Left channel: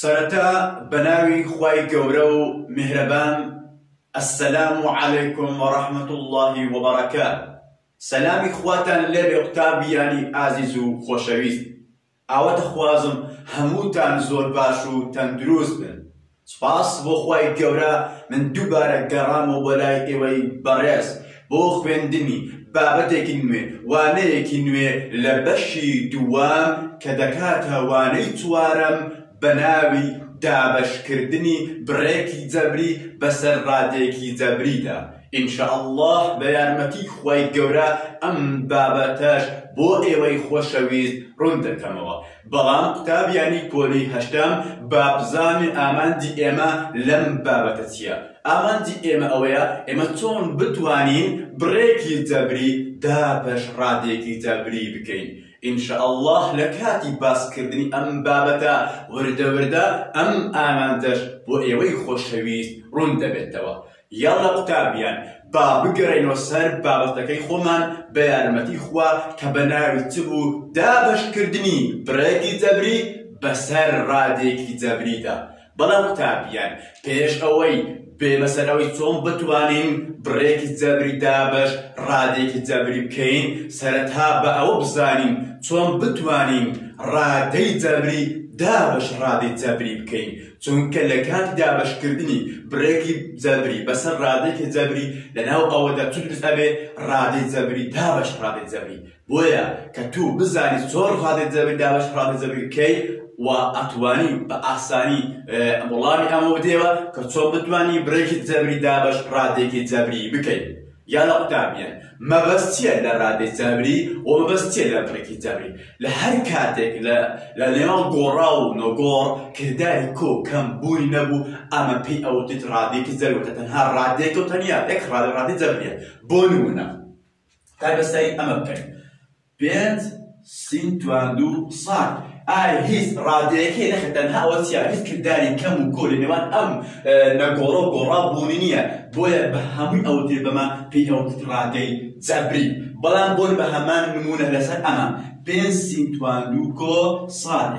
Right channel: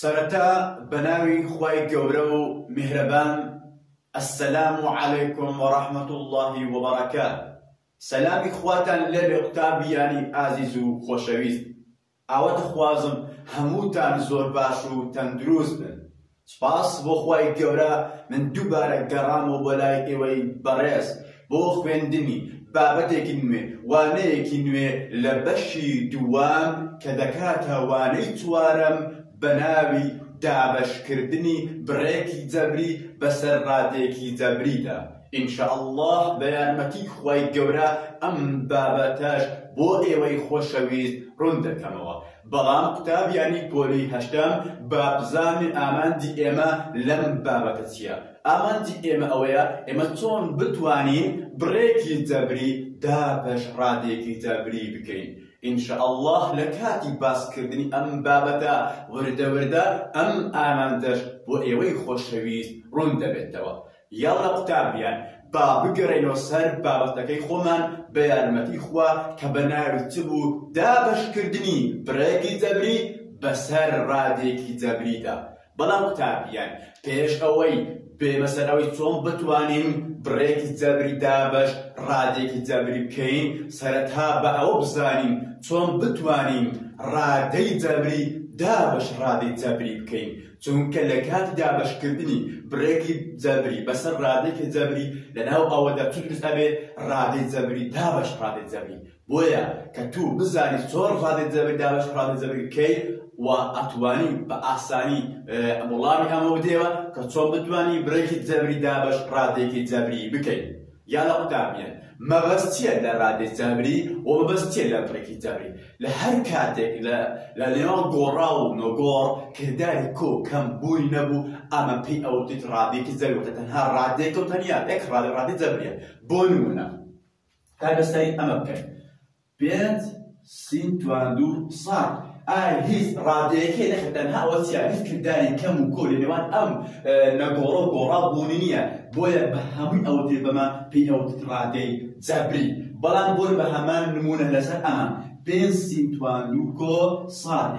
سرتا بناوي خواي قورو مهربان السلام عليكم ورحمة الله وبركاته. سلامي خواتان لێرێ قوتابیانی ئازیز و خۆشەویست. ئاوەتە خوازم هەمووتان زۆر باش و تەندروست بن. سپاس بۆ خوای گەورە من دووبارە گەڕامەوە بۆ لای ئێوەی بەڕێز بۆ خوێندنی بابەتێکی نوێ وانەیەکی نوێ لە بەشی دووام کە دەکاتە وانەی چوارەم بە ناوی دابەشکردنی بڕێکی جەبری بەسەر ڕادێکی جەبریدا. ئینشاءالله بە یارمەتی خوای گەورە ئەم بابەتەش بۆ ئێوەی خۆشەویست ڕوون دەکەمەوە. بەڵام قوتابیانی پۆلی هەشتم با بزانێ ئامانجی ئێمە لەم بابەتە چییە؟ ئامانجی ئێمە ئەوەیە ئێمە چۆن بتوانین بڕێکی جەبری دابەش ڕادێکی جەبری بکەین. ئینشاءالله لە کاتی باسکردنی ئەم بابەتە وردە وردە ئەم ئامانجەش بۆ ئێوەی خۆشەویست ڕوون دەبێتەوە. یاڵە قوتابیان با بگەڕێنەوە سەر بابەتەکەی خۆمان بە یارمەتی خوا کە بە ناوی چ بوو؟ دابەشکردنی بڕێکی جەبری بەسەر ڕادێکی جەبریدا. بەڵام قوتابیان پێش ئەوەی بێمەسەرەوەی چۆن بتوانین بڕێکی جەبری دابەش ڕادێکی جەبری بکەین سەرەتا بە ئەوە بزانین چۆن بتوانین ڕادەی جەبری دابەش ڕادەی جەبری بکەین. چونکە لە کاتی دابەشکردنی بڕێکی جەبری بەسەر ڕادێکی جەبری لەناو ئەوەدا چ دروست ئەبێ؟ ڕادەی جەبری دابەش ڕادەی جەبری. بۆیە کە تو بزانی چۆن ڕادەی جەبری دابەش ڕادەی جەبری بکەی و ئەتوانی بە ئاسانی وەڵامی ئەمە بدێەوە کە چۆن بتوانی بڕێکی جەبری دابەش ڕادێکی جەبری بکەین. یاڵە قوتابیان مەبەست چییە لە ڕادەی جەبری و مەبەست چییە لە بڕێکی جەبری؟ لە هەر کاتێک لە نێوان گۆڕا و نۆگۆڕ کردداری کۆ کەم بووی نەبوو ئەمە پێی ئەوتیت ڕادێکی جەبری تەنها ڕادێک و تەنیا یەک ڕادەی جەبریە. بۆ نمونە هەر بەسەری ئەمە بکەین پێنج سین تواندوو ساڵ. ئایا هیچ ڕادەیەکی نەخێت تەنها ئەوە چییە؟ هیچ کردداری کەم و کۆ لە نێوان ئەم نەگۆڕە و گۆڕا بوونی نییە. بۆیە بە هەمووی ئەو دێ بەمان پێی ئەوتیت ڕادەی جەبری. بەڵام بۆن بە هەمان نمونە لەسەر ئەمە پێنج سین تواندوو کۆ ساڵ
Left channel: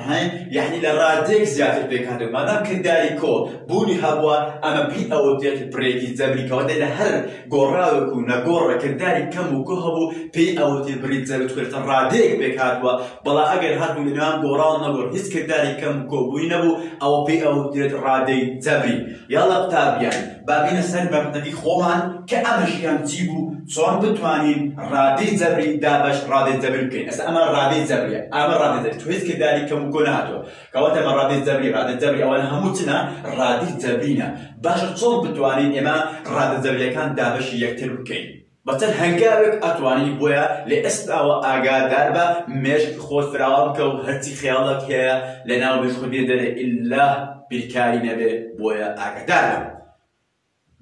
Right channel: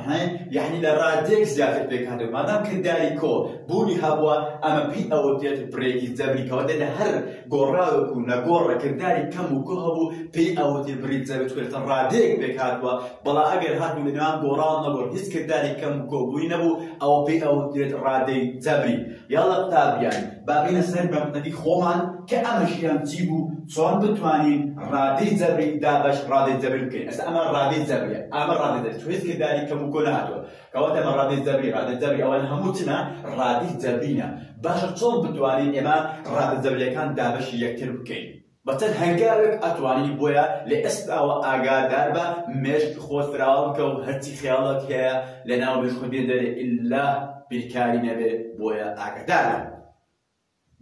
یعنی لە ڕادێک زیاتر پێکهاتێت مادام کردداری کۆ بوونی هەبووە ئەمە پێی ئەوتێت بڕێکی جەبری کەواتە لە هەر گۆڕاوێک و نەگۆڕە کردداری کەم و کۆ هەبوو پێی ئەوتێت بڕێک جەبری توێتە ڕادەیەک پێکهاتووە. بەڵام ئەگەر هاتبوو لە نێوان گۆڕا و نەگۆڕ هیچ کردداری کەم و کۆ بووی نەبوو ئەوە پێی ئەوتێت ڕادەی جەبری. یاڵە قوتابیان با بینە سەر بابەتەکەی خۆمان کە ئەمەشیان چی بوو؟ چۆن بتوانین ڕادەی جەبری دابەش ڕادەی جەبری بکەین. ئەستا ئەمە ڕادەی جەبریە، ئەمە ڕادەی جەبری، تو هیچ کردداری کەم و کۆ نهاتووە کەواتە ئەمە ڕادەی جەبری. ڕادەی جەبری ئەوانە هەموو چنە ڕادەی جەبرینە. باشە چۆن بتوانین ئێمە ڕادە جەبریەکان دابەشی یەکتر بکەین؟ بەچەند هەنگاوێک ئەتوانی بۆیە لە ئێستاوە ئاگادار بە مێشک خۆت فراوان بکە و هەرچی خەیاڵەک هەیە لە ناو مێشک خۆت بێ دەرێ ئیلا بیرکاری نەبێ. بۆیە ئاگادار بە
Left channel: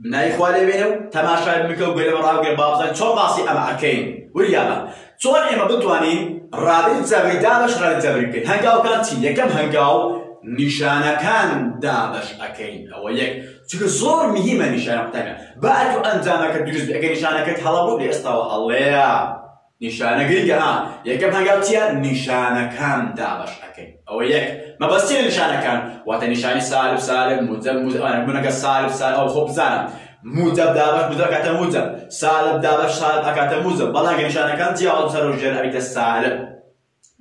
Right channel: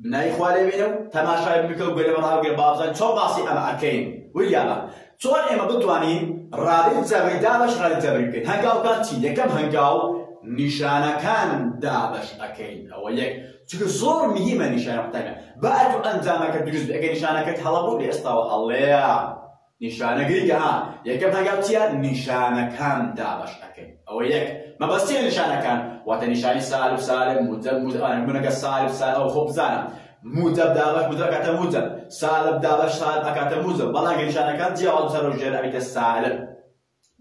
بنای خوا لێبێنێ و تەماشای بکە و گوێ لە بەڕاوگەر بابزان چۆن باسی ئەمە ئەکەین. وریاڵە چۆن ئێمە بتوانین ڕادەی جەبری دابەش ڕادەی جەبری بکەین؟ هەنگاوەکان چین؟ یەکەم هەنگاو نیشانەکان دابەش ئەکەین. ئەوە یەک، چونکە زۆر مهمە نیشانە قوتابیان. با ئەتو ئەنجامەکە دروست بێ. ئەگەر نیشانەکەت هەڵە بوو لە ئێستاوە هەڵەیە نیشانە گرنگە. یەکەم هەنگاو چییە؟ نیشانەکان دابەش ئەکەین. ئەوە یەک. مەبەستی لە نیشانەکان واتە نیشانی سالب سالب موجب موجب بوونەکە سالب سالب ئەو خۆ بزانم موجب دابەش موجب ئەکاتە موجب، سالب دابەش سالب ئەکاتە موجب. بەڵام نیشانەکان جیاواز سەر و ژێر ئەبێتە سالب.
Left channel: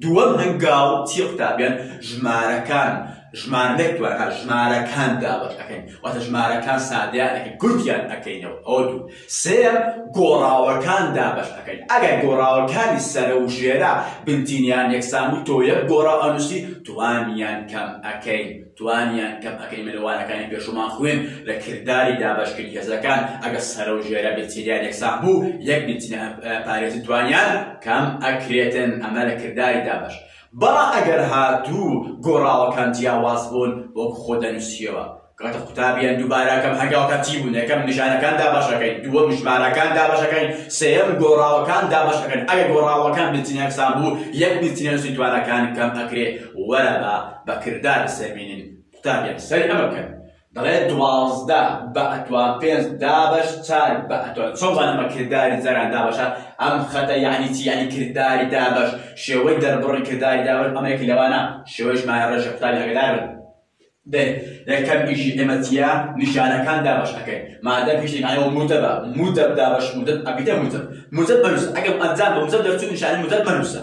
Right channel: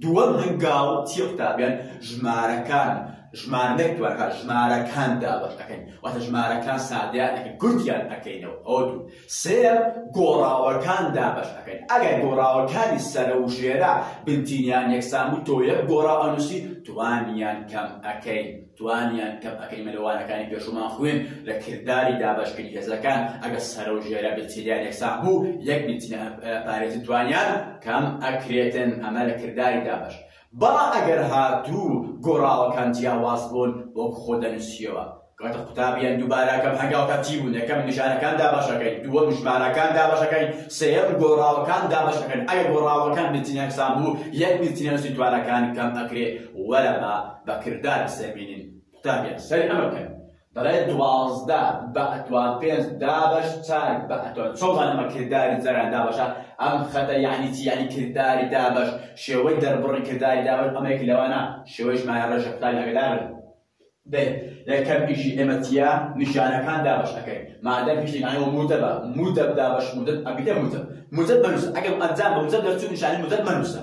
دووەم هەنگاو چی قوتابیان؟ ژمارەکان. ژمارەیەک توانە ژمارەکان دابەش ئەکەین واتە ژمارەکان سادیان ئەکەین گوتیان ئەکەینەوە. ئەوە دوو. سێم گۆڕاوەکان دابەش ئەکەین. ئەگەر گۆڕاوەکانی سەرە و ژێرە بنتینیان یەکسان و تۆ یەک گۆڕا ئەنووسی توانیان کەم ئەکەین. توانیان کەم ئەکەین. ملوانەکانی پێشومان خوێن لە کردداری دابەشکردنی هێزەکان ئەگەر سەرە و ژێرە بنتینیان یەکسان بوو یەک بنتینیان پارێزی توانیان کەم ئەکرێتن. ئەمە لە کردداری دابەش. بەڵام ئەگەر هاتوو گۆڕاوەکان جیاواز بوون وەکو خۆ دەنووسیەوە کەواتە قوتابیان دووبارەکەم هەنگاوەکە چی بوون؟ یەکەم نیشانەکان دابەش ئەکەین، دووەم ژمارەکان دابەش ئەکەین، سێەم گۆڕاوەکان دابەش ئەکەین. ئەگەر گۆڕاوەکان بنتینە یەکسان بوو یەک بنتینە نووسی توانەکان کەم ئەکرێ. وەرە بە کرددار سەربینین. قوتابیان سەری ئەمە بکەن. دەڵێ 12 بە ئەتوان 5 دابەش 4 بە ئەتوان. چۆن ئەمە کردداری جەران دابەشە؟ ئەم خەتە یعنی چی؟ یعنی کردداری دابەش، شێوەی دەربڕی کردداری دابەش ئەمەیەکی لەوانە. شێوەی ژمارە ڕێژە قوتابی ئاگادار بن. یەکەم ئیشی ئێمە چییە؟ نیشانەکان دابەش ئەەکەین. مادەم پیشین ئایەوە موتەبە، موتەب دابەش موتەب ئەبیتە موتەب مەنووسە. ئەگەر ئەنجام بە موتەب دەرچوو نیشانی موتەب مەنووسە.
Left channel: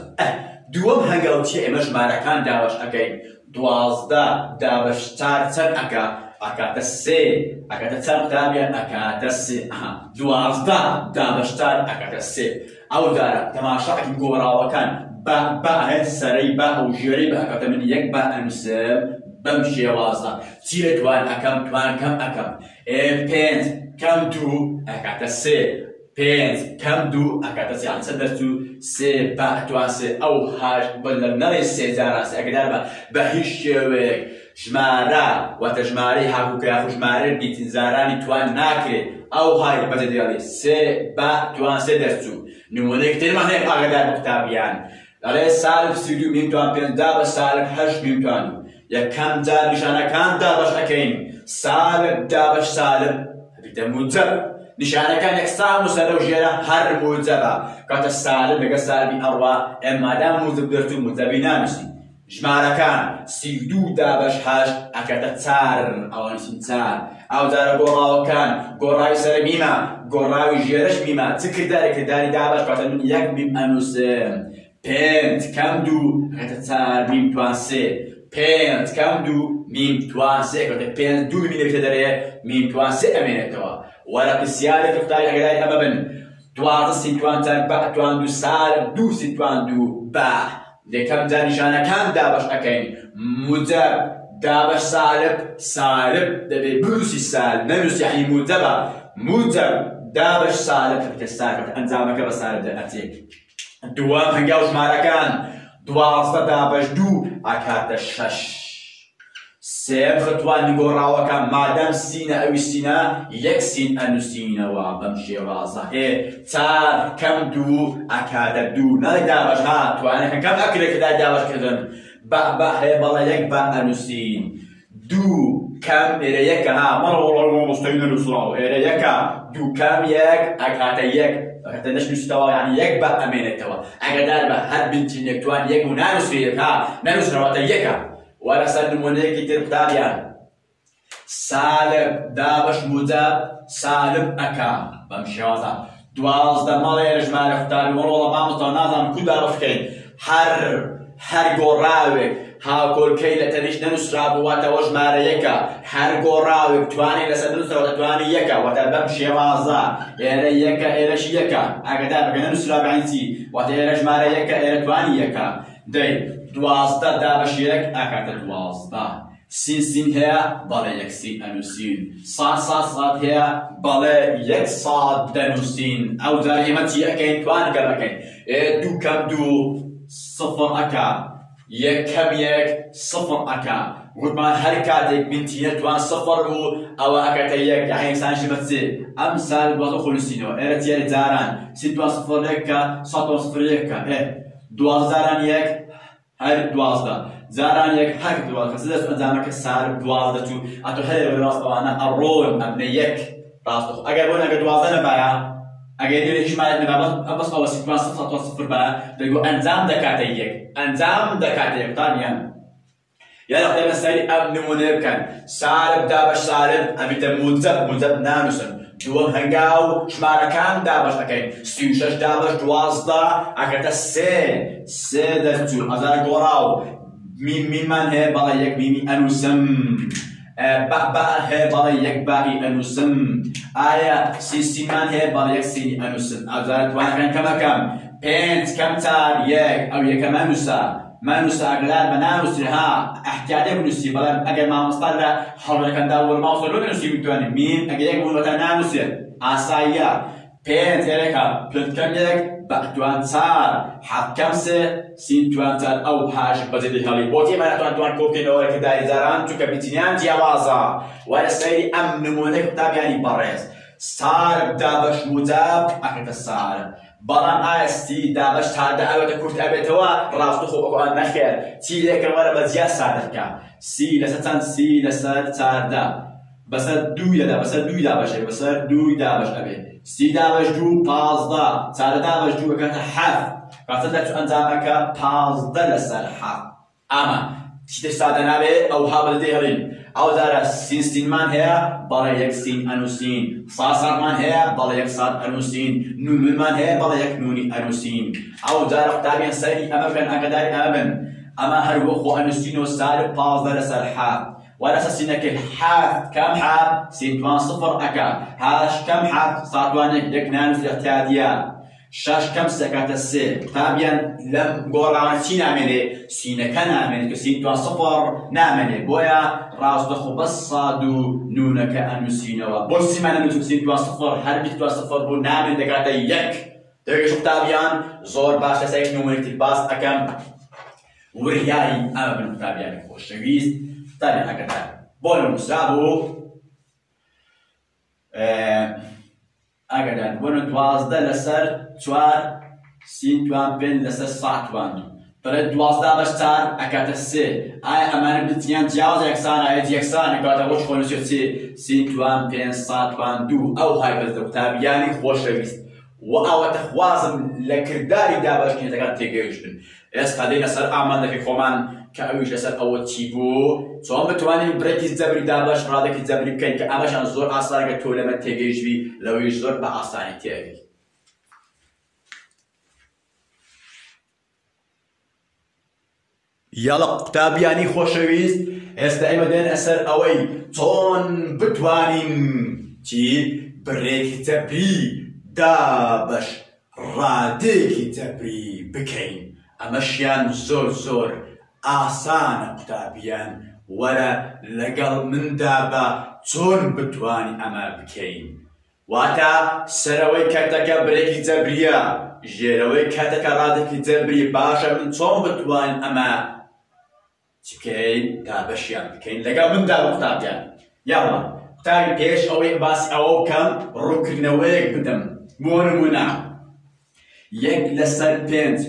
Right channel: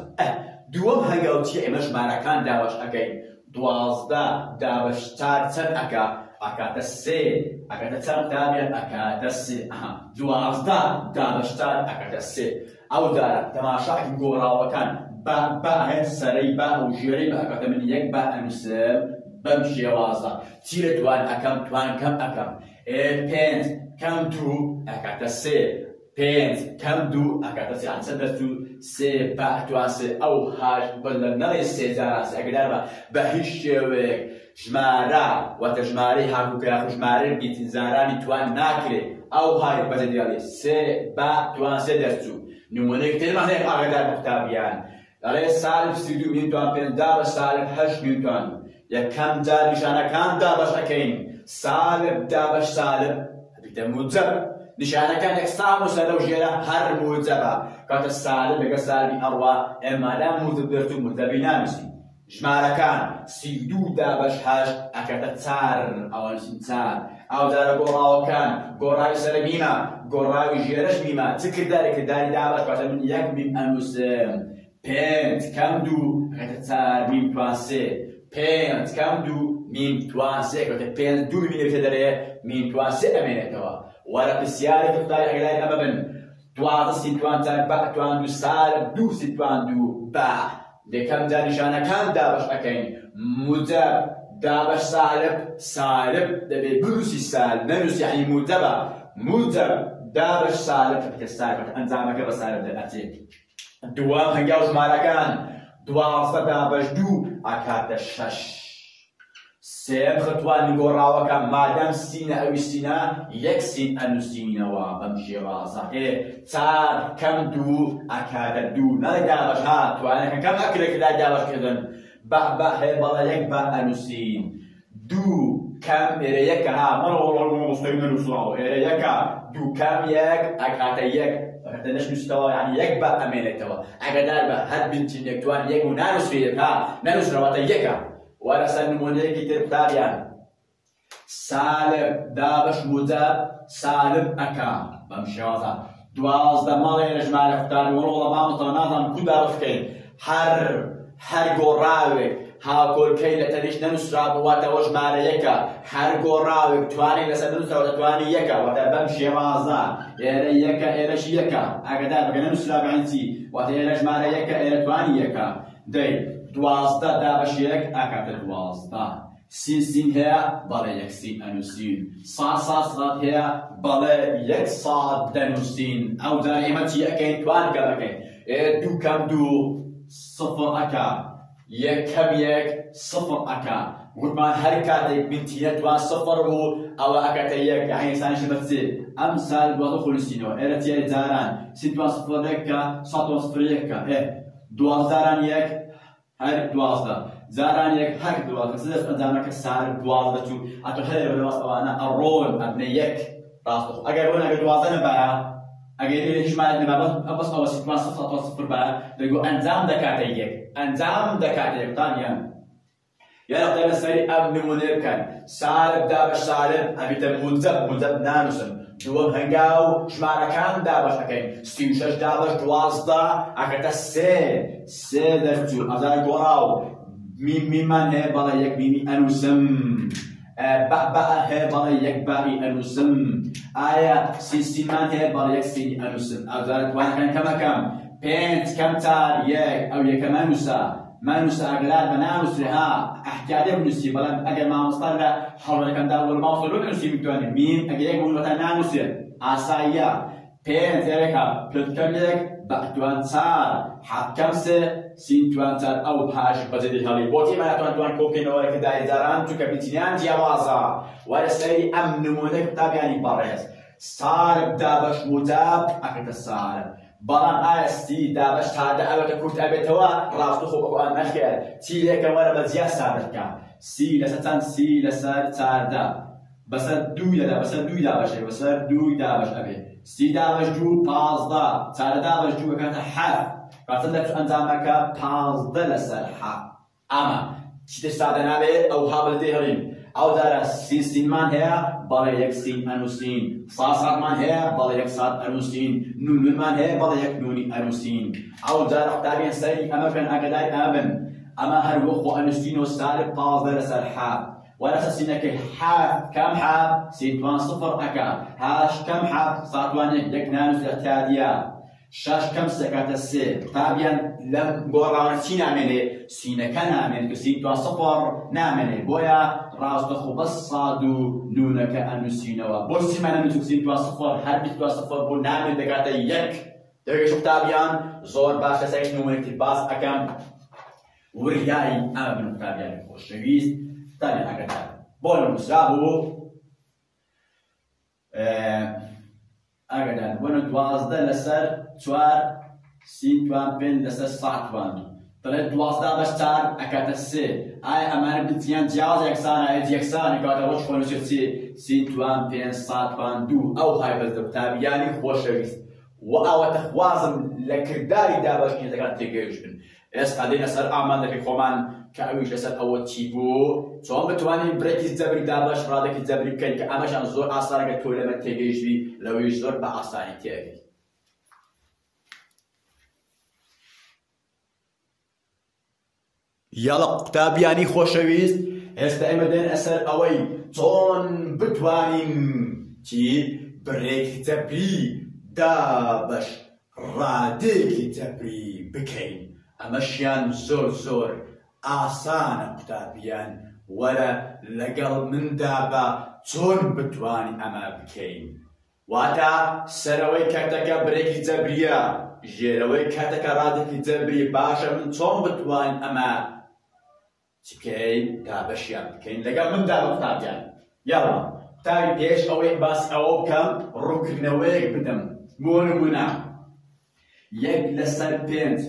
دووەم هەنگاو چییە؟ ئێمە ژمارەکان دابەش ئەەکەین. 12 دابەش 4 چەند ئەکا؟ ئەکاتە 3 ئەکاتە چەند قوتابیان؟ ئەکاتە 3. 12 دابەش 4 ئەکاتە 3. ئەو دارە تەماشاکەین گۆڕاوەکان بە هەن سەرەی بە ئەو ژێرەی بە ئەکاتە من یەک بە ئەنووسم بەم شێوازە. چی لە توان ئەەکەم؟ توان کەم ئەەکەم. 5 کەم 2 ئەکاتە 3. 5 کەم 2 ئەکاتە 3. یان چەند دەرچوو؟ 3 بە توان 3. ئەو هاش بە نەڵێ 3 جاراسی ئەگەدار بە هیچ شێوەیەک ژمارە واتە ژمارەی هاوکە یاخو ژمارەی بیتزارانی توان ناکرێت. ئەو های بەجێ دێڵێ 3 بە توان 3 دەرچوو. نمونەیەک ترمان هەیە ئاگادار بە قوتابیان. دەڵێ سالب 32 میم توان 5 بە سالب 8 میم توان 2. یەکەم جار نیشانەکان دابەش ئەەکەین. سالب دابەش سالب ئەبیتە موجەب. نیشانەکان یەکسان و سەرە و ژێرە هەر موجەبە. کاتە سالب لەگە سالبی ئەڕوا ئێمادام موجەب دەرچوو موجەبی نانووسین. ژمارەکان 32 دابەش 8 ئەکاتە 4 ئەوە نووسین 4. ئەو جارە گۆڕاوەکان گۆڕاوی سەر میمە گۆڕاوی ژێرەش میمە. چ کرداری دابەش کاتە من یەک میم ئەنووسم. 5 کەم 2 ئەکاتە 4 میم توان 3. 5 کەم 2 میم توان 3 کاتە 5 2 میمی دەبێتە دەرەیە میم توان 3 ئەمێنێتەوە. وەرە پرسیارێکی قوتابی ئەگەداری ئەمە بن 12 سی توان 4 بە توان 2 سالب 2 سی توان 2 بە. یەکەم جار نیشانەکان دابەش ئەەکەین. موجەب دابەش سالب سالب دەبێت بنووسی سالب نەنووسی یعنی موجەبە. موجەب دابەش سالب کە سالب ئەنجامەکە بە سالب دەئەچێت. دووەم هەنگاو ژمارەکان 12 دابەش 2 ئەکاتە 6. سێم خەتوانی گۆڕاوەکان مادەم سینە ئەوی سینە یەک سین ئەنووسینەوە بەم شێوازە. 4 کەم 2 ئەکاتە 2. نەڵێ دابەش ها توانەکە کەم ئەکرێکدا دابەشکردن بە هەیە بەڵێ یەک بە ئەنووسین. 2 کەم ئێرە یەکە ها مەڵۆڵ مۆستەی نەنووسراوە ئێرە یەکە 2 کەم 1 ئەکاتە 1 ئەکاتە نەشنووسیتەوە یعنی یەک بە ئەمێنێتەوە. ئەگەدار بە هەر بنچین یەکتوان یەک و نانووسێت ها نەنووسراوەتە یەکە. وەرە سەر نمونەیەکی تر قوتابیان. سالب دابەش موجەب سالب ئەکا بەم شێوازە. 12 ماڵێ ژمارە قوتابی وەڵۆڵە مامۆستا نازانم کو دابەش بکەین. هەر گۆڕاوێک هاوکۆڵکەی لە تەنیش نەنووسرابوو واتەوە ژمارە یەکە. هەر گۆڕاوێک توانێت لەسەر نووسراوە دەتوانی یەکە واتە بەم شێوازە. ئێرە یەکە ئێرەش یەکە. ئاگادار بکە نەنووسرابوو یعنی چی؟ واتە ئێرە ژمارە یەکە ئێرە توانی یەکە. دەی 12 دابەش 1 ئەکاتە 12. سین هەیە بەڵێ یەک سین ئەنووسین. ساد هەیە بەڵێ یەک ساد دەنووسین. ئەو جار ئێمە چی ئەەکەین؟ توان گەڕەکەین. 2 کەم 2 صفر ئەکا. 1 کەم 1 صفر ئەکا. وتمان هەر کاتێک بنتینە توان صفر و ئەوە ئەکاتە 1 یعنی ئینسانشی بە 3. ئەم سال 12 خۆنووسینەوە. ئێرە چیە جاران سین توان صفر 1 کە 100 توان صفر 1 کە 12 زاران 1 هەر 12 زاران 1 هەر 12 سدەست ئەنجامەکە سالب 12 دەچوو. ئەتۆ هەر لە ڕاست ئەوانە ئەڕۆن ئەبنە 1 ڕاست. ئەگەر بۆن ئەگەر 12 نەبایە ئەگەر هیچ مالێک نەبا بەس ئەوە سین توان صفر توان صفر بایە دەگو ئەنجام دەکاتە 1 ئەنجام دەکاتە 1 قوتابیان. یارە قوتابیان سەیری ئەم نمونەیە بکەن. سالب دابەش سالب ئەبیتە موجەب نانووسن. دووەم هەنگاو ژمارەکان دابەش ئەەکەین. 36 دابەش 12 ئەکاتە 3 دەرچوو. ئەزانە گۆڕاو میمان هەیە بەڵێ یەک میمی ئەنووسم. بە هەیە بەڵێ یەک بائی ئەنووسم. ئایا سینمان هەیە بەڵێ یەک سینی ئەنووسم. ئەزانە توانەکان کەمەکەم. 5 کەم 4 1 ئەو یەکە مانووسە ئەگەدار بە نانووسێ ها ئەحتیاجێ بنووسی. بەڵام ئەگەر مامۆستا لە هەڵەکەندا وەرماوسە لۆ نووسی بتوانێت میم ئەگەر یەک بوونەوەتە نانووسێت ئاساییە. 5 ئێرەکە پلت کەم 1 بە توان 4 7 کەم 3 سین توان 4 ئەو هاش بەجێ هەڵی بۆتی مانەتوان توان کۆبکەینەوە کە دایزاران چونکە بیتینیان جیاوازە. وارە سەیری ئەم نمونەی قوتابیانی بەڕێز. سالب دابەش موجەب ئەکاتە سالب. بەڵام ئایا سی دابەش سادە ئەوەتە کورت ئەبێتەوە ڕاستەخۆ ئەوان نەخێر. چی لێکەم وەرە بە جیا سادە بکە. سی لەسەر چەند؟ سی لەسەر 4 بەسەر 2 بەسەر 2 دابەشێ بەسەر 2 دابەش ئەبێ. سی دابەش 2 15 4 دابەش 2 ئەکاتە 7 کاتە دەچوو ئەنجامەکە 15 لەسەر 7. ئەمە تشتي سادة نابي أو هابل ديهرين أو دارا سين مان هي بلا يك سين أنوسين صاد مان هي بلا يك صاد أنوسين نون مان هي بلا يك نوني أنوسين أو دارا قطابين سيري أما كان أقدار أمن أما هروخ أنوسين وسال باز دارا سالحاب وأنا سينك الحاف كم حاف سين صفر أكا هاش كم حاف صادوانك يك نانوس الاحتياطية شاش كم سكات السي تابعا لم قران سين عملي سين كان عملي كسين توان صفر نعملي بويا راس دخو بس صادو نونك أنو سينوا بوسي معنا نوتو سين توان صفر هربي توان صفر بو نعمل دكاتا يك تبقى شوف تابعا زور باشا سيك نومرك الباس أكم ورياي أما بنو تابعا خوش شويز تابعا أكتا بونا مسابو أقدر بنا دوازده لسر چوار سين توان بين لسر صاع توان طلعت دوازده باش چار أكاد سه أي أمان بتيان جاوز يكسان أي يكسان كاتا وش خونش يرسي سين توان بين صاع توان دو أو هاي بالكتاب يعني خوش رئيس وأو تخوازم لكرداري دابش كي تكاد تيجيشن إس قدينا سر أمان لك خوان كأويش لسر أول تيبو صوم بتواني بريكي زبري دابش رادك زبري كين كأمشان زور أصلاً كتولة ما تيجيش بي لو يزور بأصلاً تيجي يلا كتاب يعني خوشويست استعمل دين أسر أوي تون بتوانين تي بريكي زبري دابش رادك زبري بكين أمشيان زور آسان قتابيان ولا لقل من دابا تون بتواني أما بكين واتا سروي كاتك بريكي زبريا جيروي كاتك رادك زبري باشا من تون بتواني أما تبكين دابشيان بكين لقل من دابا قتابيان يلا قتابي بيش أوي باس أو كم ركنويك بدم مونمونا يك لسر بنت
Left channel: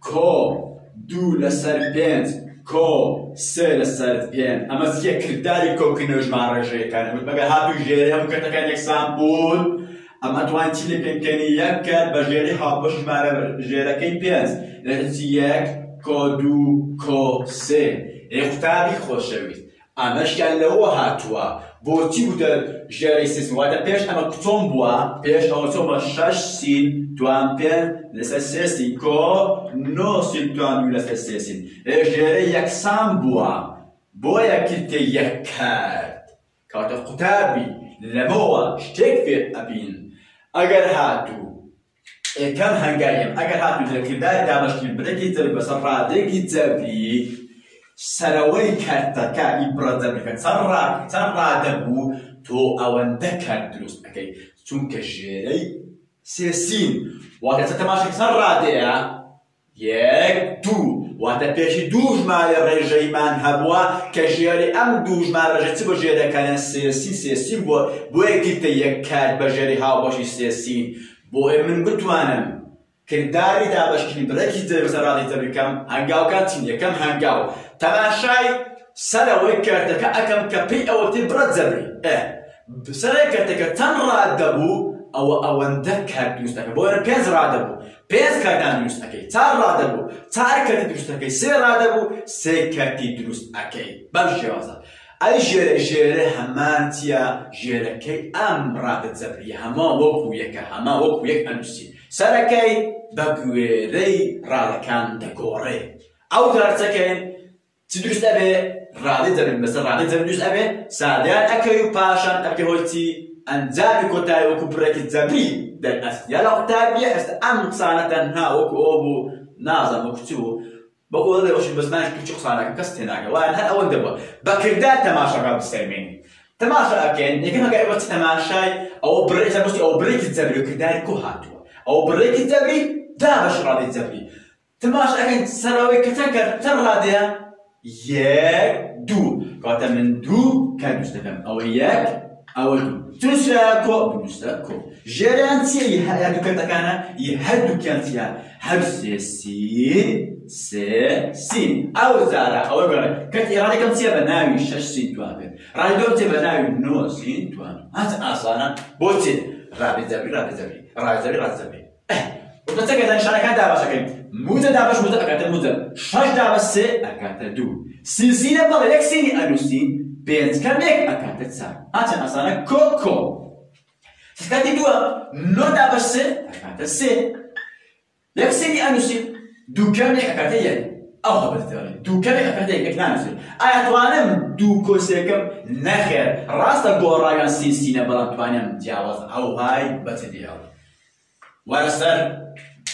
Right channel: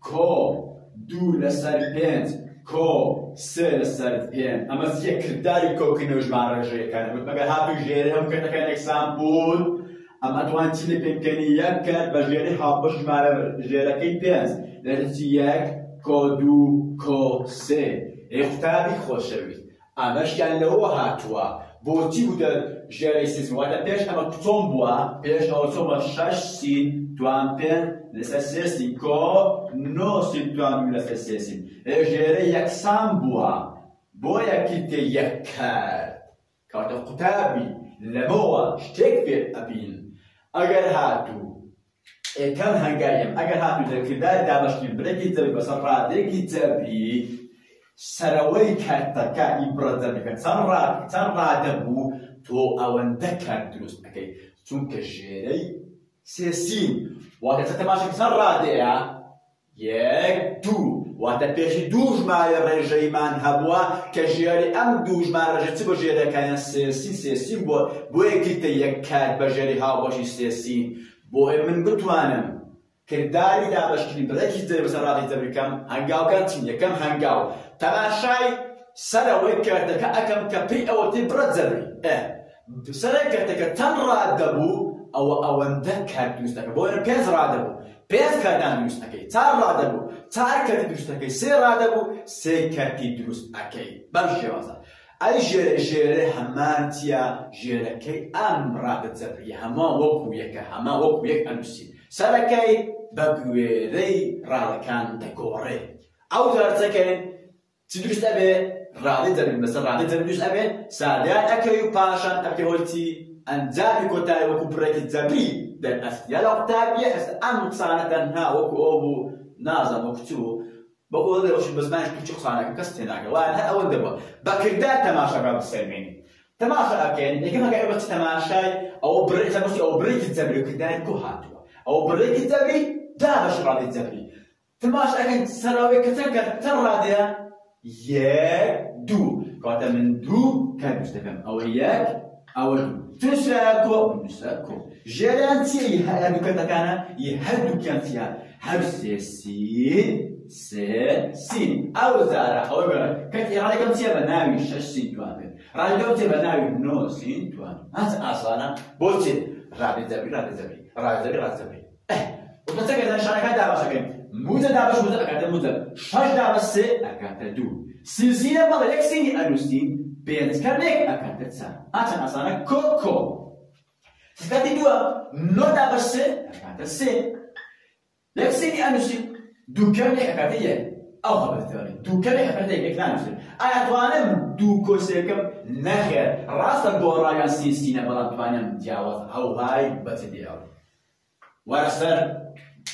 كو دو لسر بنت كو سه لسر بنت اما زیه کرداری کو کنوش مارجه کنه بود مگه هاتو جیری هم کرده کنه اکسام بود اما توان چیلی کنی یک کرد با جیری ها بش ماره جیره کی بنت لحظه یک کو دو کو سه اختابی خوشوید اماش یعنی هو هاتوا بوتی بود جیری سیسم وقتا پیش اما کتون بوا پیش آوتون با شش سین توان پن لسه سین کو نو سین توان لسه سین جیری یکسان بوا بویا کلت یک کرد کارت قطابی لبوا شتک فی ابین اگر هاتو کم هنگایم اگر هاتو ذکردار دامشکی برکی تبی بس رادکی تبی سروي كارتكا إبراز ذلك ترى دبو تو أوندك دروس أكيد چونك جيري سيسين وقت تتماشى ترى ديا يك دو وقت بيشي دوج مال الرجيمان هبوا كجيري أم دوج مال الرجيم تبو جيري كان سيسين بو يكيت يكاد بجيري هاو باشي سيسين بو من بتوانم كرداري دابش كني بركي تبي سرادي تبي كم هنجاو كاتين يكم هنجاو تماشاي سنوي كرتك أكم كبي أو تبرد زبري سنوي كرتك تنرى دبو أو أندك هاد يستك بوين بيز رادبو بيز كردان يستك تار رادبو تار كرتي يستك سير رادبو سير كرتي دروس أكيد بمشيوزا أي جيري همانتيا جيري كي أم راد زبري هما وقو يك أنسي سركي بقويري رالكان دكوري أو تارتكين تدرس أبي رادي زبري مثلا رادي زبري دوس أبي ساديان أكيو باشان أبكي هولتي أنجابي كتاي وكو بركي زبري در أست يلا كتابي أست أم صانة ها وكو أبو نازم وكتو بقول هذا وش بزمانش كل شخص على كست هناك وأنا هل أول دبوا بكردات تماشى قبل السلمين تماشى أكين يمكن ما قاعد تماشى أو بريك تمشي أو بريك زبري كردات كوهاتوا أو بريك زبري دا باش رادي زبري تماشى أكين سراوي كتكر تراديا يك دو قاعد من دو كان مستفهم أو يك أو دو تنساكو بنساكو جرانتي يهدو كتكانا يهدو كانتيا هبسي سين أو زارا أو يقول كت إرادة كم سيا بناوي شش سين توابين راديو تي بناوي نو سين توابين هذا أصلاً بوتين رادي زبري وتتذكر أن شركات دابش أكيد موزة دابش موزة أكاد موزة شش دابش سي أكاد دو سینسینە بەڵێ یەک سینی ئەنووسین پێنج کەمێک ئەکاتە چار ئاچەند ئاسانە کۆ کاتی دووە نۆدا بە سێ ئەکاتە سێ یەک سینی ئەنووسین دوو کەمێک ئەکاتە یەک ئەو هەبێتەوە دوو کەمێک ئەکاتە یەک نانووسین ئایا توانم دوو کۆسێکم نەخێر ڕاستە گۆڕاویان سینسینە بەڵام توانم جیاواز ئەوهای بەچەدیەوە وارە سەر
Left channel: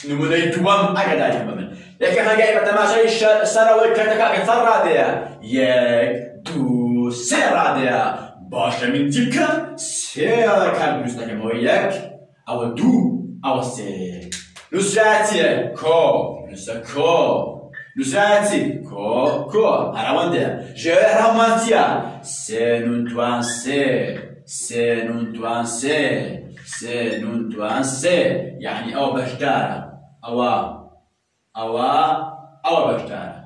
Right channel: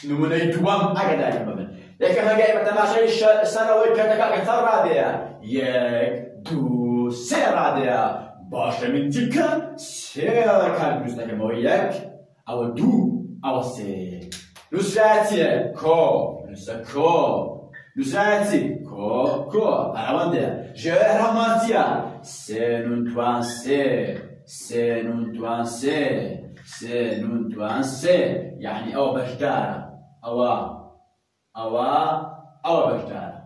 نمونەی دووەم ئاگاداری بە من یەکە هەنگای بە تەماشای سەرەوەی کەرتەکە چەند ڕادەیە یەک دوو سێ ڕادەیە باشە من چی بکەم سێ ڕێکان دروست دەکەمەوە یەک ئەوە دوو ئەوە سێ نووسراچیە کۆ نووسە کۆ نووسراچی کۆ هەراوەندەیە ژێر هەمانچیە سێ نون توان سێ سێ نون توان سێ سێ نون توان سێ یعنی ئەوە بەشدارە ئەوە بەشدارە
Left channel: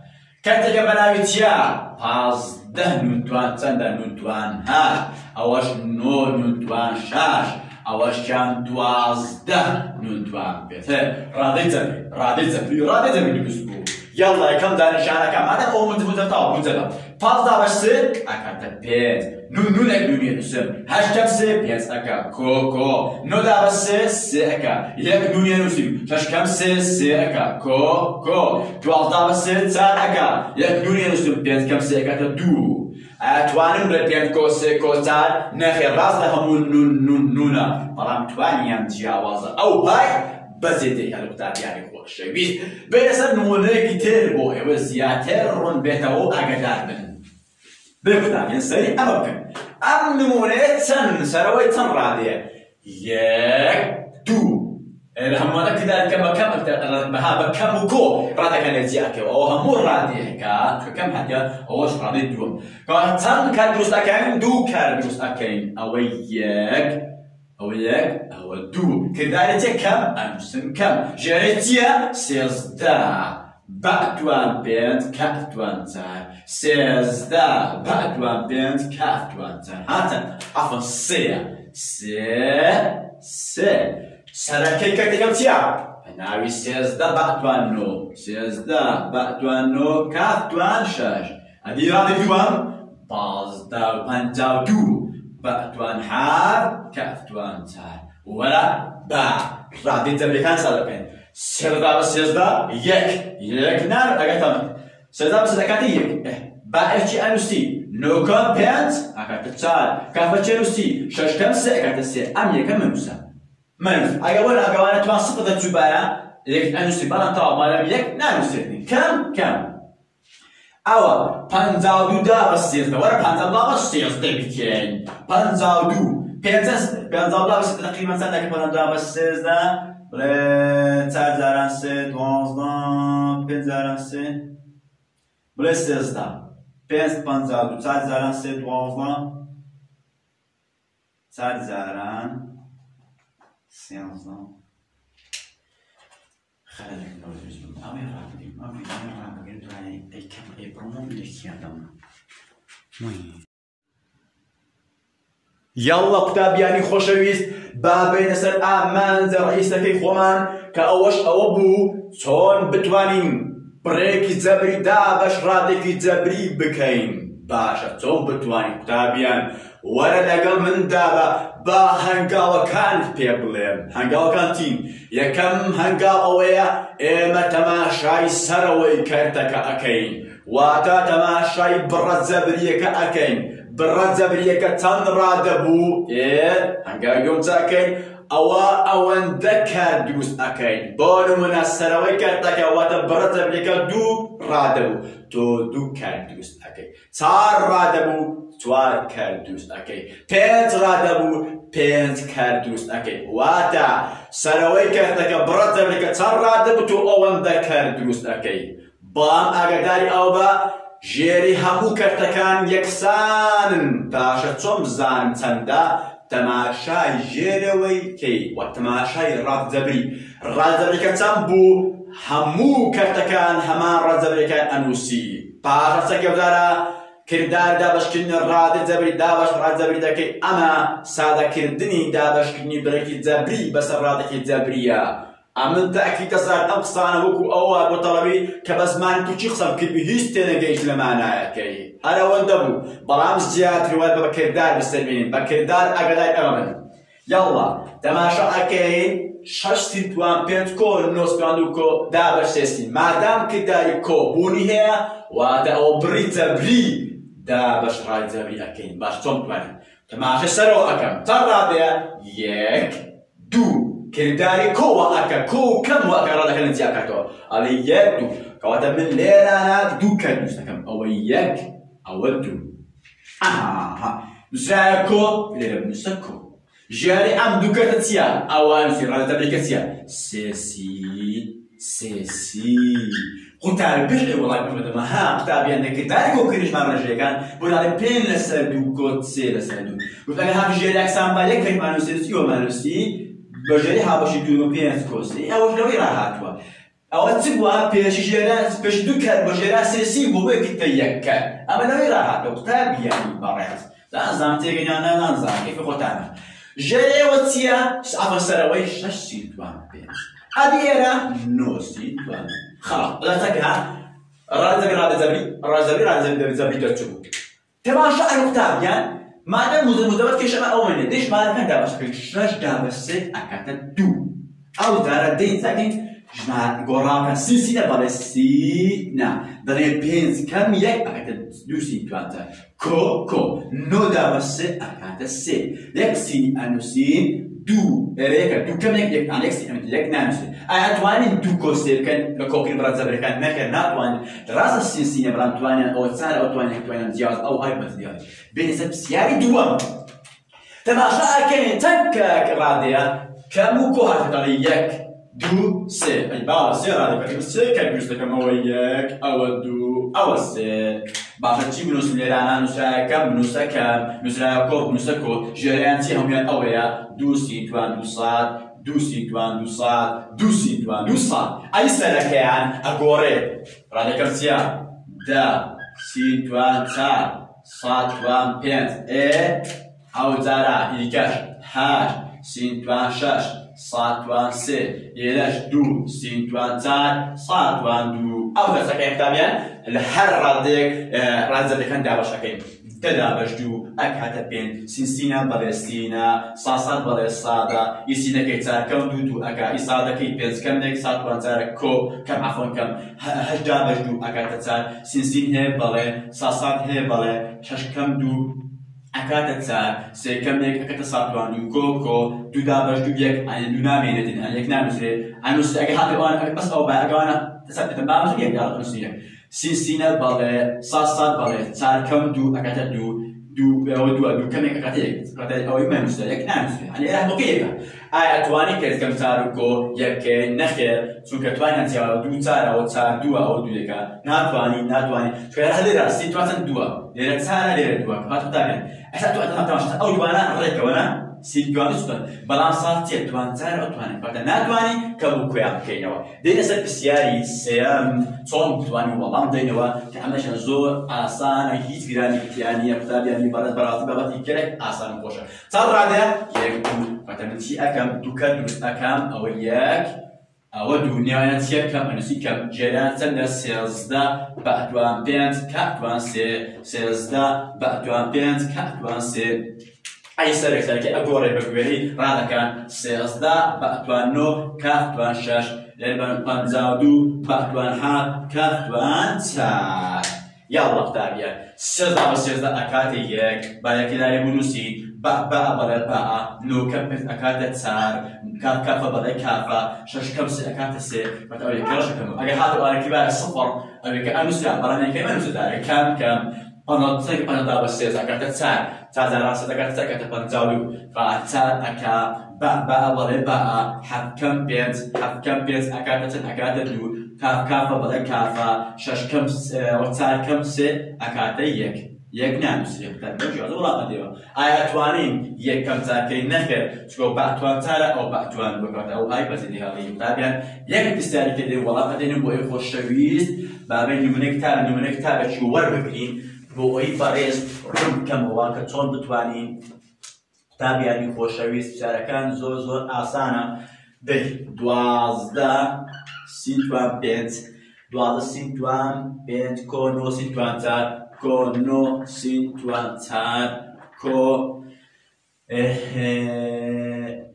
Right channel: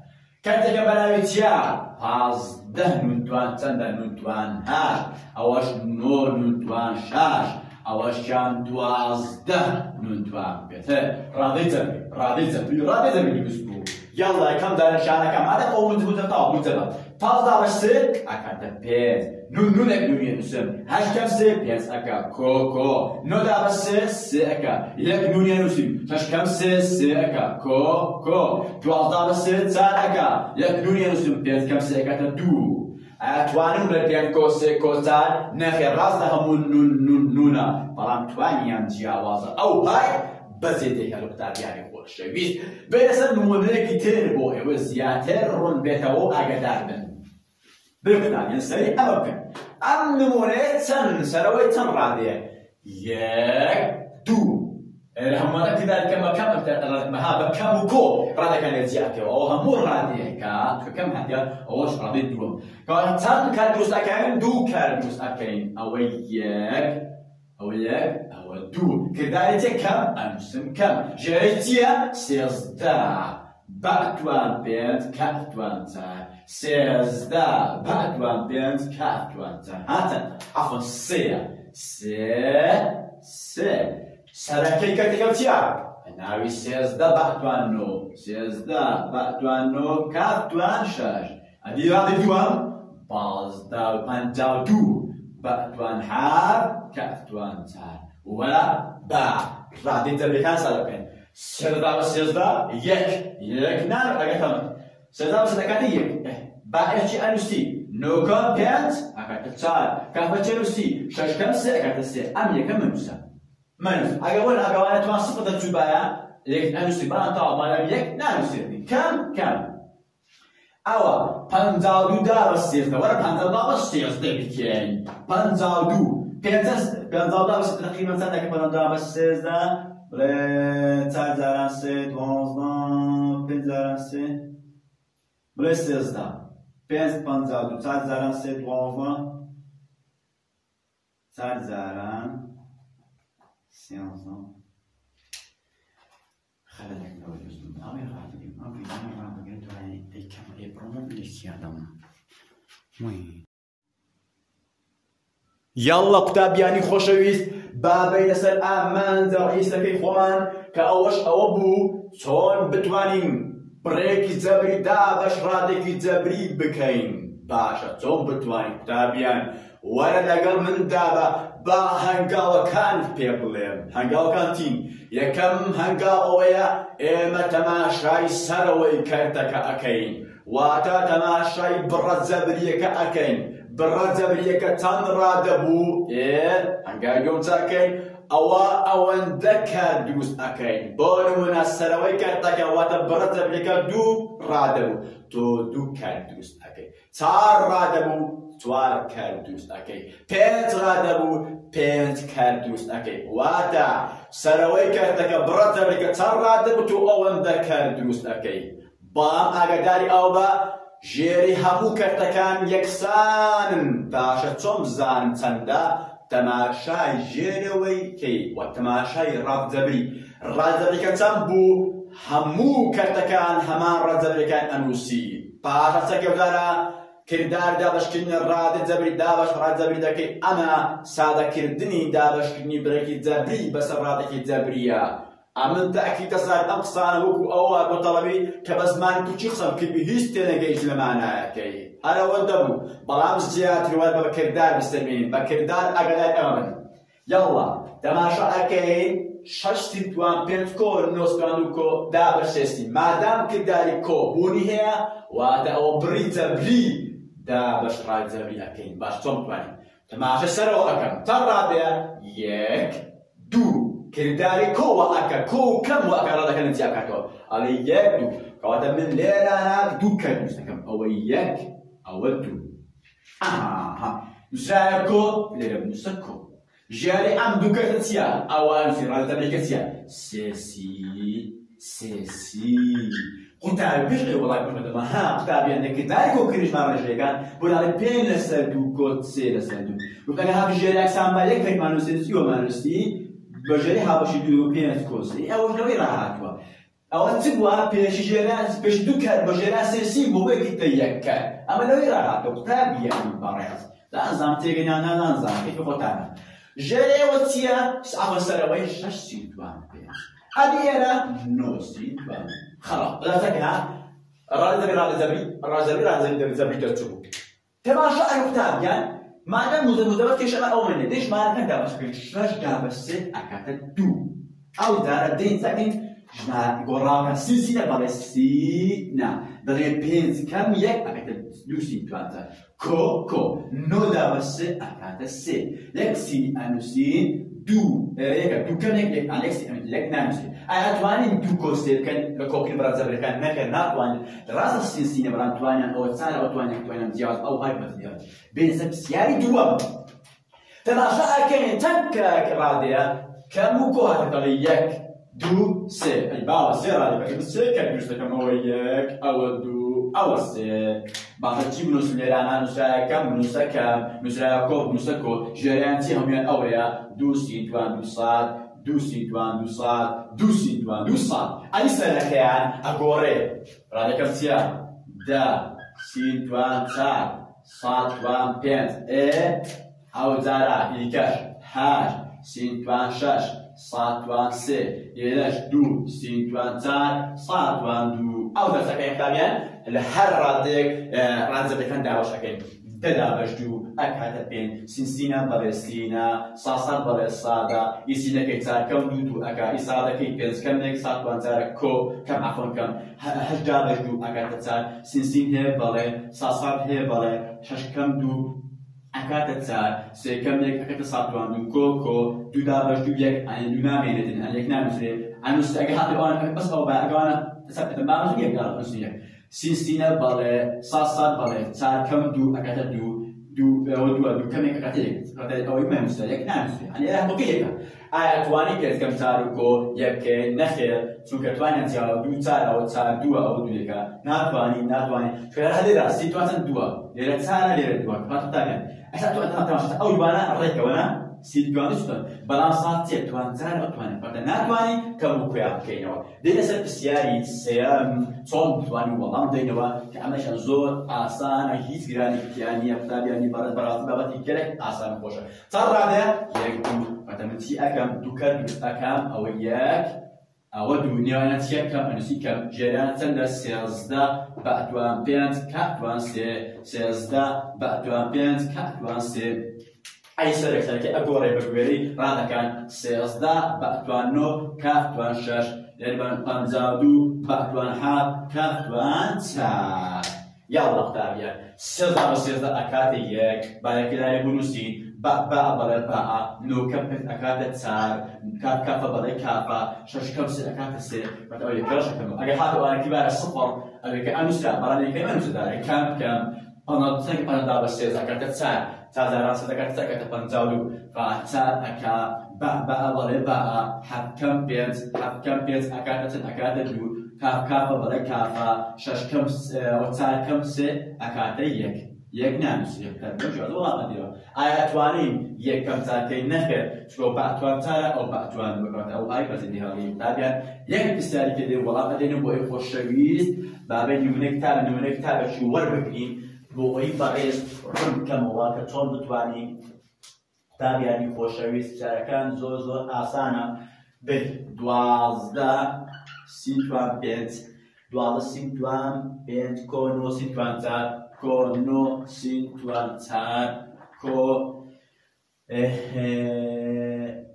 کاتێکە بەناوی چیە پازدە نون توان چەندە نون توان هەشت ئەوەش نۆ نون توان شەش ئەوەشیان دوازدە نون توان بێت ڕادەی جەبری دروست بوو یاڵا یەکەم دانیشانەکە مادە ئەو منجبووجە تاو بووجەبە پازدە بە سێ ئەکاتە پێنج نونێک نونیە نووسم هەشتەم سێ پێنج ئەکا کۆ نۆدا بە سێ ئەکا یەک نونیە نووسیم شەشکەم سێ ئەکا کۆ دوازدە بە سێ چار ئەکا یەک نونیە نووسیم پێنجکەم سێ ئەکاتە دوو توانم بڵێ پێنج کۆ سێ کۆ چار نەخێر ڕاستە هەموو نونە بەڵام توانیان جیاوازە ئەو پای بەزێدەی هەلو قوتابیانی خۆشەویست بێنە سەر نمونەیەکی تر بۆ ئێوە زیاتر ڕوون بێتەوە ئاگادار بن بێ قوتابیان سەری ئەمە بکەن ئەم نمونەیە چەند سەرەوەی چەند ڕادەیە یەک دوو هەمووانە کردارکەم بە کەم بەها بە کەم و کۆ ڕادەکانێت جیاکەوە ئەوە هەموو ڕادەیەکە کەم هەتیا ئەوەش ڕادەی دووەم چەند کار دروست ئەکەین دوو کار دروست ئەکەین ئەوە یەک ئەوە دوو کردارێکی کەم ئەنووسن کەم ژێرەی چییە سێزدە بەعدوان پێنج کەفتوان چار سێزدە بەعدوان پێنج کەفتوان چار هاتن ئەفن سێ سەرەکەی کەرتەکەم چییە ناوی سێزدە بەعدوان نۆ سێزدە بەعدوان نۆ کەفتوان شەش ئەدی ڕادەی دووەم پازدە و پەنجا و دوو بەعدوان حەف کەفتوان چار وەرە بە ڕادەی جەبرەکان ساڵ بکەین سێزدە بە سێزدە یەک نار ئەگەتەم سێزدە بە سێزدەکانی یەک باەکی ئەنووسی نۆکەم پێنج ئەکاتە چار کەفەچێ نووسی شەشکەم سێ ئەکاتە سێ ئەم یەکە منووسە ئەگە وەرە ئەگەوانە توان سفر دەچوو بایە یەک ئەنووسی بەڵام تەواو مالەم یەک نانووسێتنی کەم ئەوە پەنجا و دوو دا بە سێزدە وەرە پەنجا بە سێزدە بکەین پەنجا و دوو پێنجا بە سێزدە تەقریبەن چەند دەکەم پەنجا بە سێزدە بڵێ چار جاران سێ دوازدە پێنج جاران سێ بڵێ سێزدە پێنج پەنجا و دوو چار جاران سێ دوازدە چار جاران سێزدە خەلەکەوە دروست بوو ئەوێ ڕابگرین ئەو ڤیدیۆ ڕابگرین دوای ئەیکەم ئەیبڕۆمە بلێکیادەم یاڵڵا قوتابیانی خۆشەویست با بێنە سەر ئامانجە ڕئیسەکەی خۆمان کە ئەوەش ئەوە بوو چۆن بتوانین بڕێکی جەبری دابەش ڕادێکی جەبری بکەین باشە چۆن بتوانین قوتابیان وەرە لەگەڵ مندا با هەنگاوەکان پێ بڵێم هەنگاوەکان تین یەکەم هەنگاو ئەوەیە ئێمە تەماشای سەرەوەی کەرتەکە ئەکەین واتە تەماشای بڕە جەبریەکە ئەکەین بڕە جەبریەکە چەند ڕادەبوو هەنگاوی دووەم چاکەین ئەوە ئەوەندە کار دروست ئەکەین بۆ نمونە سەرەوەی کەرتەکە واتە بڕە جەبریەکە دوو ڕادەبوو تۆ دوو کار دروست ئەکەی چار ڕادەبوو چوار کار دروست ئەکەی پێنج ڕادەبوو پێنج کار دروست ئەکەی واتە سەرەوەی کەرتەکە بڕە جەبریەکە چەند ڕادەبوو تۆ ئەوەندە کار دروست ئەکەی بەڵام ئاگاداری ئەو بە ژێری هەموو کەرتەکان یەکسانن باشە چۆن بزانم چەندە تەماشای ژێرەوەی کەی وە تەماشای ڕادجەبریەکە چەند بوو هەموو کەرتەکان هەمان ڕادجەبریەکان ئەنووسی پاشە گەودارە کردار دابەشکردنی ڕادە جەبری دابەش ڕادجەبری دەکەی ئەمە سادەکردنی دابەشکردنی بڕێکی جەبری بەسەر ڕادێکی جەبریە من تأكيد صار أقصانا وكو أول وطلبي كبزمان توشي خصم كيبي هيستنا جيش لمعناها كي أنا ودبو برامج زيادة رواد بكردار بالسلمين بكردار أقدر أمن يلا تماشا أكين شش توان بيت كو نوس باندوكو دابش سيستين مادام كداري كو بوني هي وادا أو بريتا بري دابش رايزا بي أكين باش توم تواني تماشا سرو أكم ترى بيا يك دو كرداري كو أكا كو كم وأكا رادا كان انتي أكاكو علي يك دو كواتا من ليرانا دو كان نستكم أو يك أو دو نسراكو ليرا نسكو جاري أم دو كتاتيا أوان في رادا تبريكاتيا سيسي قلت على بيجي والله بمدة ما ها كتابي أنك كرداري كو كريش مرة جاي كان بنا بين لسردو كوت سي لسردو قلت لك هذا جاري أكسام بالك كيف ما نسيتي وما نسيتي بجري هابشي دو بينت كوسي أو جري راحتوا أو تبوا بيش جرا بيش دو كار بجرا سيسي مو بيك تيجك أما لو راحتوا تابي يعني بريت لا نظام تيجي أنا لا نظام كيف قلتنا جري وتيا عفوا سرويش نشيت وان بيش أدينا نوسي وان خلاص لا تكها راجل زبري تشوفه تماشى الكتاب يعني ما دام مزمت كيش ما أؤمن ليش ما كان دابس كيش دابس أكاد دو أو ترى دين ساكن جماعة قراءة سيسينا بالسينا دري بينز كم يك أكاد دو سين توانتا كو نو دابس أكاد سي يك سين أنو سين دو إليك دو كم يك أنا يك سين أمت يك نامسي أتواني دو كوستيل كان لكوكين براد زبري كان نكر ناتواني راس السيسينا بران تواني أو تسار أو تواني زياز أو هاي بس زياز بين سبسياري دوام تماشا كين تنكا كراديا كموكو هاتقاليك دو سي أي بابا سي رادي بس سي كان يجوز لك مويك أو دو أو سي باشا تجيب نوس ليلانا نوسا كم نوسا كم نوسا كوب نوسا كو جيرانتي هم أويا دو سي توان دو صاد دو سي توان دو صاد دو سي توان دو صاد أي سلك يعني أقوري رادي كرسيا دا سي توان تا صاد توان بينت إيه أو زارا إيكاش هاش سين توان شاش صاد توان سي يلاش دو سين توان تان صاد توان دو أو ذا سكين تاميان الحر راديك رادزا كان دابش حكيم تدابش دو أكاتا بين سينا بالسينا صاصان بالصادا يسينا كيتار كم دو أكا إصادا كي بينز كم نيك صاد توان زارا كو كم عفوا كم هجدابش دو أكاتا تار سين هي بالي صاصان هي بالي شاش كم دو أكاتا تار سي كم نيك أكاتا صاد توان دو كو دو دابش دو يك أن دو نامينتين أن يك نامسي أنوس أكاتا وان بس أو بأكانا تثبت بامس يك يا أنوسينك سينا بالي صاصان بالي تار كم دو أكاتا دو كم يك أكاتا أو يمين مستلك نامسي يعني إله بقية أتواني كرت كم تاركو يك نخير سو كتواني أنتي دو تار أو تار دو أو دو يكا ناتواني شو هذا راس سيتواتن دو ليرة تار ليرة دو هذا تابع أشهد أن تمشي أو يوانا ريك وانا سيتواني سودان بلام صارتي توان تار أو تواني فتا ناتواني كابو كيام كينوا دينا سر بسياري سيام صون تواني والله دينوا كعمش زور آسان هيت جراني يعني يكتب يعني برات بابتي كله آسان خوشه صار هذا يكتب فتمشي أكم دوكان أكم أو ياك أو دنيا نتيجة كم أنسي كم جيران سند سيزدا بعدوان بينت كعدوان سيزدا بعدوان بينت كعدوان سي أي سرك سرك أقول بقولي هذا كان سيزدا بعدوان نو كعدوان شاش لأن بنزادو بعدوان حاد كعدوان تا يلا كتابيا سيزدا بسيزدا أكاتي يك بالكلاري بنوسي با بلا با نو كبت أكاد تسار كاف بلا كافة شش كبس أكاد تسي بتقولي كرش كم أجي هذا أنا كبار الصفر أبي كأنه سيا براني كمان مسداري كم أنا تصير أنا دابا سيز أكاد تسار تازن راس أكاد تسار كده بنزالو فأتسار أكا با بلا با حب كم بيت أكاد دو كاف بلا كافة شش كبس وتسار كبس أكاد يك نامس يكتب بجوز ولا قديمة أي أتوانين يك كم تاكي نخير شو بعتوان ترى أو بعتوان بقطع أو هاي بس إنها غير طبعا يك بستاري كده ولا قديم بوي خوش شويز بابي نمونك تابع شو وربكين بوي باريس رم كم واقع تون بتوانين طبعا خوش شويز بستاري كان زور آسانة به 12 سینتوان 5 12 سینتوان 5 کۆ 9 سینتوان 4 کۆ 9 سینتوان 4 کۆ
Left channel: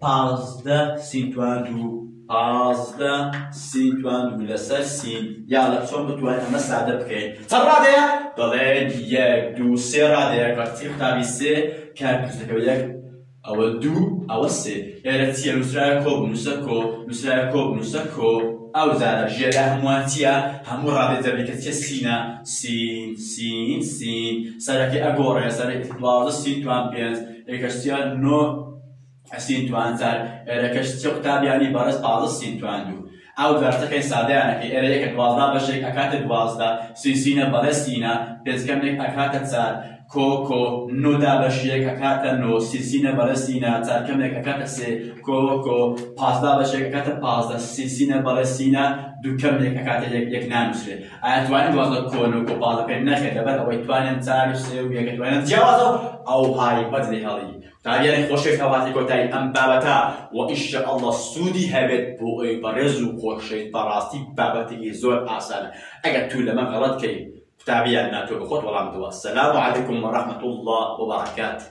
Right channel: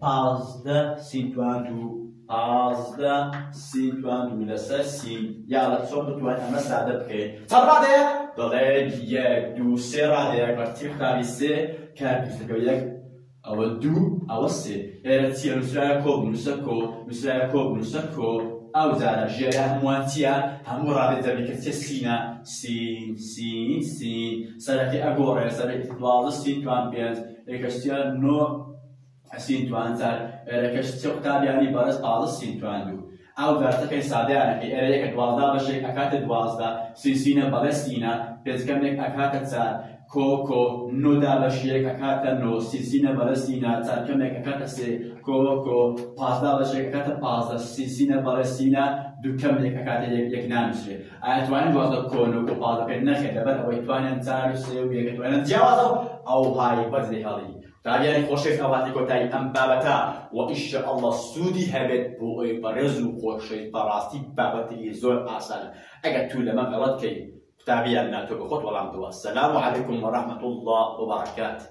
15 سینتوان 2 15 سینتوان 2 لەسەر سین یاڵە چۆن بتوانین ئەمە سادە بکەین چەند ڕادەیە؟ دەڵێن 1 2 3 ڕادەیە کەچی قوتابی 3 کارکردەکە 1 ئەوە 2 ئەوە 3 ئێرە چییە؟ نووسرایە کۆ بنووسە کۆ نووسرایە کۆ بنووسە کۆ ئەو جارە ژێرە هەمووان چییە؟ هەموو ڕادێ دەبێت کە چیە؟ سینە سین سین سین سەرەکی ئەگۆڕێ سەرەکی 12 سینتوان 5 یەکەش چییە؟ 9 سینتوان 4 ئێرەکەش چیە قوتابیانی بەڕێز 15 سینتوان 2 ئەو جارتەکەی سادەیانەکەی ئێرە یەکە 12 بەشێک ئەکاتە 12 سینە بەڵێ سینە پێنجکەمێک ئەکاتە 4 کۆ کۆ 9 دا بەشێک ئەکاتە 9 سینە بەڵێ سینە چارکەمێک ئەکاتە 3 کۆ کۆ 15 بەشێک ئەکاتە 15 سینە بەڵێ سینە دووکەمێک ئەکاتە یەک نانووسرێت ئایا توانین 12 کۆ 9 کۆ 15 پێ نەخێت لەبەر ئەوەی توانین 4 و 3 و یەکە توانین جیاوازە ئەو هایی بەجێ هەڵی تابیانی خۆشەویست هەواتی کۆتایی ئەم بابەتە و ئینشەئەڵڵا سوودی هەبێت بۆ ئەوی بەڕێز و خۆشەویست بەڕاستی بابەتێکی زۆر ئاسانە ئەگەر تو لەمە غەڵەت کەی قوتابیان ناتۆ بە خۆت وەڵام بدەوە. سەلام عەلەیکوم وەڕەحمەتوڵڵاه وبەڕەکاتوه.